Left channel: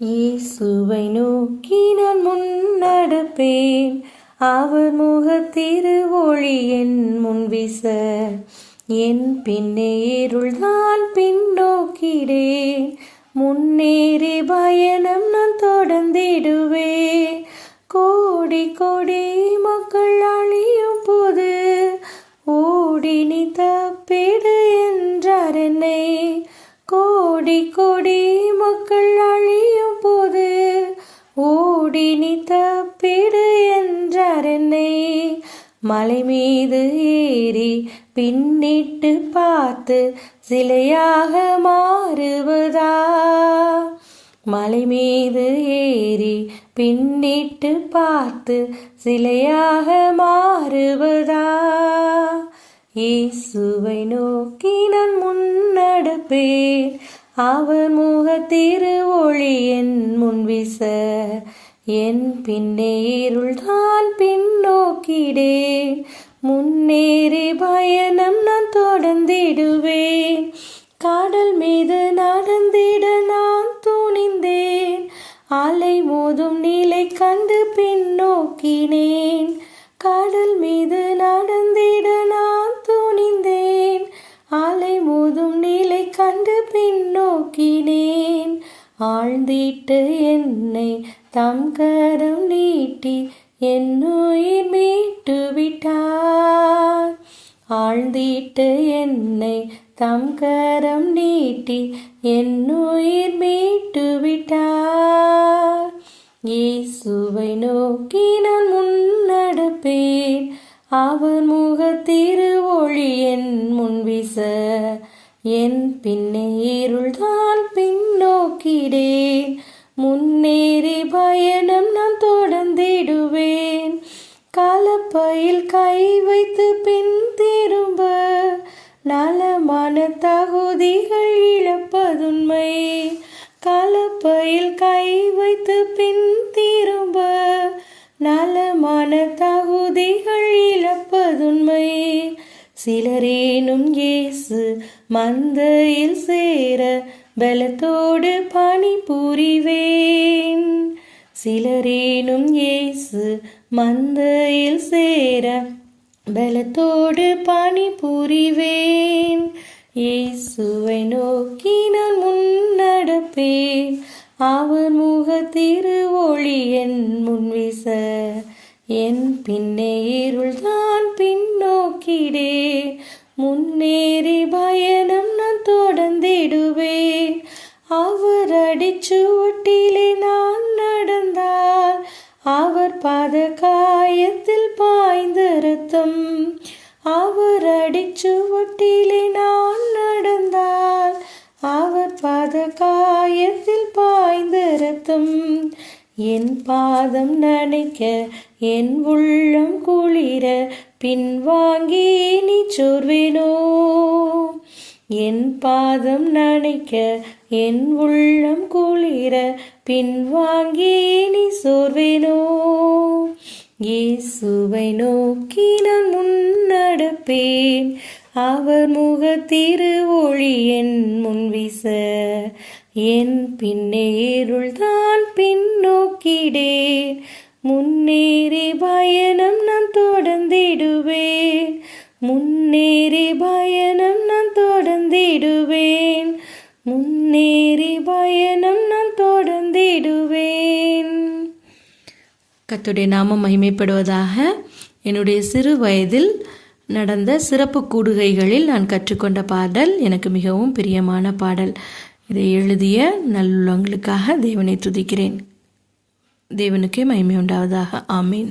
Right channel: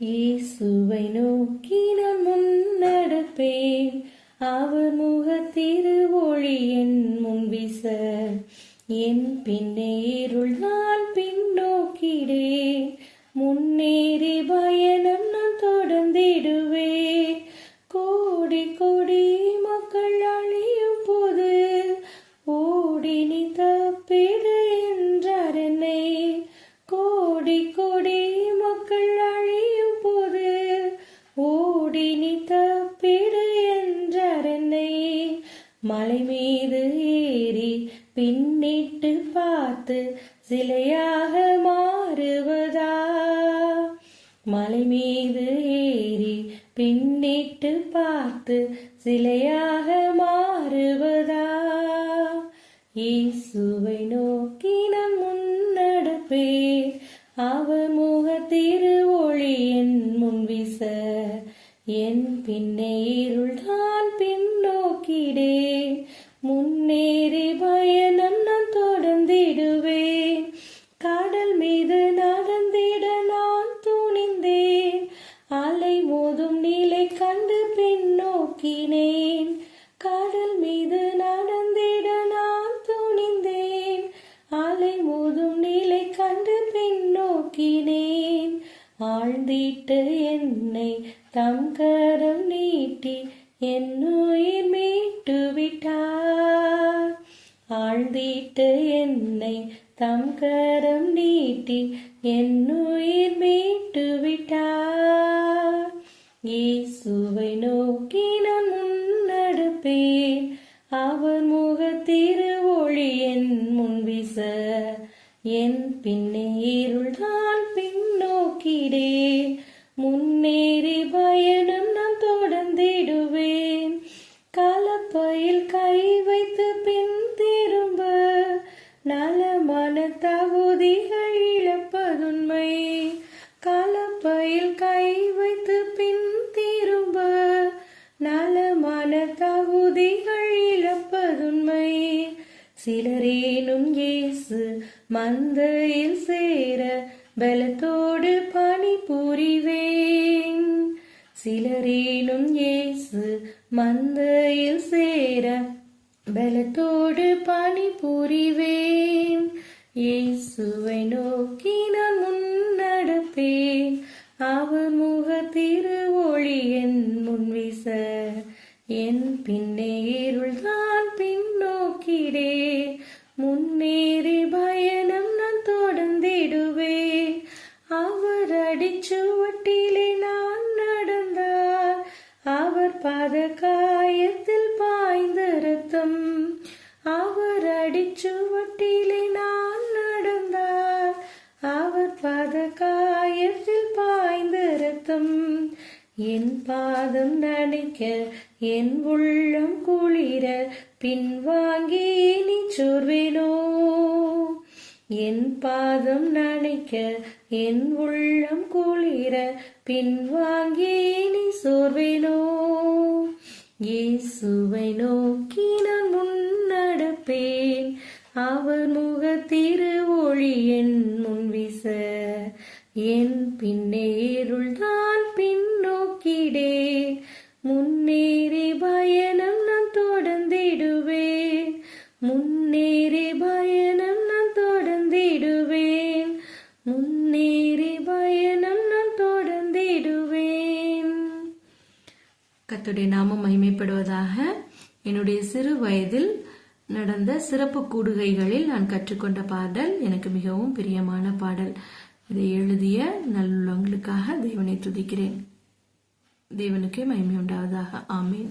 இயேசுவை நோக்கி நான் முன்னடப்பேன், அவர் முகத்திரு ஒளி என் முன் வீச. என் பின்னே இருள்தான் பின்னோக்கிடேன், முன்னேறி பயணம் நான் தொடர்ந்திடுவேன். கோடி கோடி மக்கள் அழியும் போது ஓடி நீ தப்பிடு என்றார் என்னை. கோடி கோடி மக்கள் அழியும் போது ஓடி நீ தப்பிடு என்றார் என்னை. மலை மீது ஏறி பின்னிட்டு பார்த்து சிலையாக மாறுவதா? மலை மீது ஏறி பின்னிட்டு பார்த்து சிலையாக மாறுவதா? இயேசுவை நோக்கி நான் முன்னடப்பேன், அவர் முகத்திரு ஒளி என் முன் வீச. என் பின்னே இருள்தான் பின்னோக்கிடேன், முன்னேறி பயணம் நான் தொடர்ந்திடுவேன். கடல் மீது நடந்திட நான் துணிந்தேன், அலை மோதும் நிலை கண்டு பின்னோக்கினேன். கடல் மீது நடந்திட நான் துணிந்தேன், அலை மோதும் நிலை கண்டு பின்னோக்கினேன். ஆழ்ந்திட்டு என்னை தம் கரம் நீட்டி என் உயிர் மீட்டு விட்டார். ஆழ்ந்திட்டு என்னை தம் கரம் நீட்டி என் உயிர் மீட்டு விட்டார். இயேசுவை நோக்கி நான் முன்னடப்பேன், அவர் முகத்திரு ஒளி என் முன் வீச. என் பின்னே இருள்தான் பின்னோக்கிடேன், முன்னேறி பயணம் நான் தொடர்ந்திடுவேன். கலப்பையில் கை வைத்து பின் திரும்ப நலமான தகுதிகள் இழப்பதுண்மை. கலப்பையில் கை வைத்து பின் திரும்ப நலமான தகுதிகள் இழப்பதுண்மை. சிலரேனும் இயேசு மந்தையில் சேர பலத்தோடு பணி புரிவேன். சிலரேனும் இயேசு மந்தையில் சேர பலத்தோடு பணி புரிவேன். இயேசுவை நோக்கி நான் முன்னடப்பேன், அவர் முகத்திரு ஒளி என் முன் வீச. என் பின்னே இருள்தான் பின்னோக்கிடேன், முன்னேறி பயணம் நான் தொடர்ந்திடுவேன். அவர் அடிச்சுவட்டிலே நான் நடந்தால் அவர் பாத காயத்தில் பாய்ந்த இரத்தம். அவர் அடிச்சுவட்டிலே நான் நடந்தால் அவர் பாத காயத்தில் பாய்ந்த இரத்தம். என் பாதம் நனைக்க என் உள்ளம் குளிர பின்வாங்கி நீ சோர்வேனோ. என் பாதம் நனைக்க என் உள்ளம் குளிர பின்வாங்கி நீ சோர்வேனோ. இயேசுவை நோக்கி நான் முன்னடப்பேன், அவர் முகத்திரு ஒளி என் முன் வீச. என் பின்னே இருள்தான் பின்னோக்கிடேன், முன்னேறி பயணம் நான் தொடர்ந்திடுவேன். முன்னேறி பயணம் நான் தொடர்ந்திடுவேன், முன்னேறி பயணம் நான் தொடர்ந்திடுவேன். கர்த்தருடைய நாமம் மகிமைப்படுவதாக. என்னுடைய சிறு வயதில் நடந்த சிறப்பு கூடுகைகளில் நான் கற்றுக்கொண்ட பாடல் எனக்கு மிகவும் பிரியமான பாடல். இதை எழுதிய நல்லுள்ளங்களுக்காக தேவனை துதிக்கிறேன். தேவனுக்கே மகிமை உண்டாவதாக. ஆமீன்.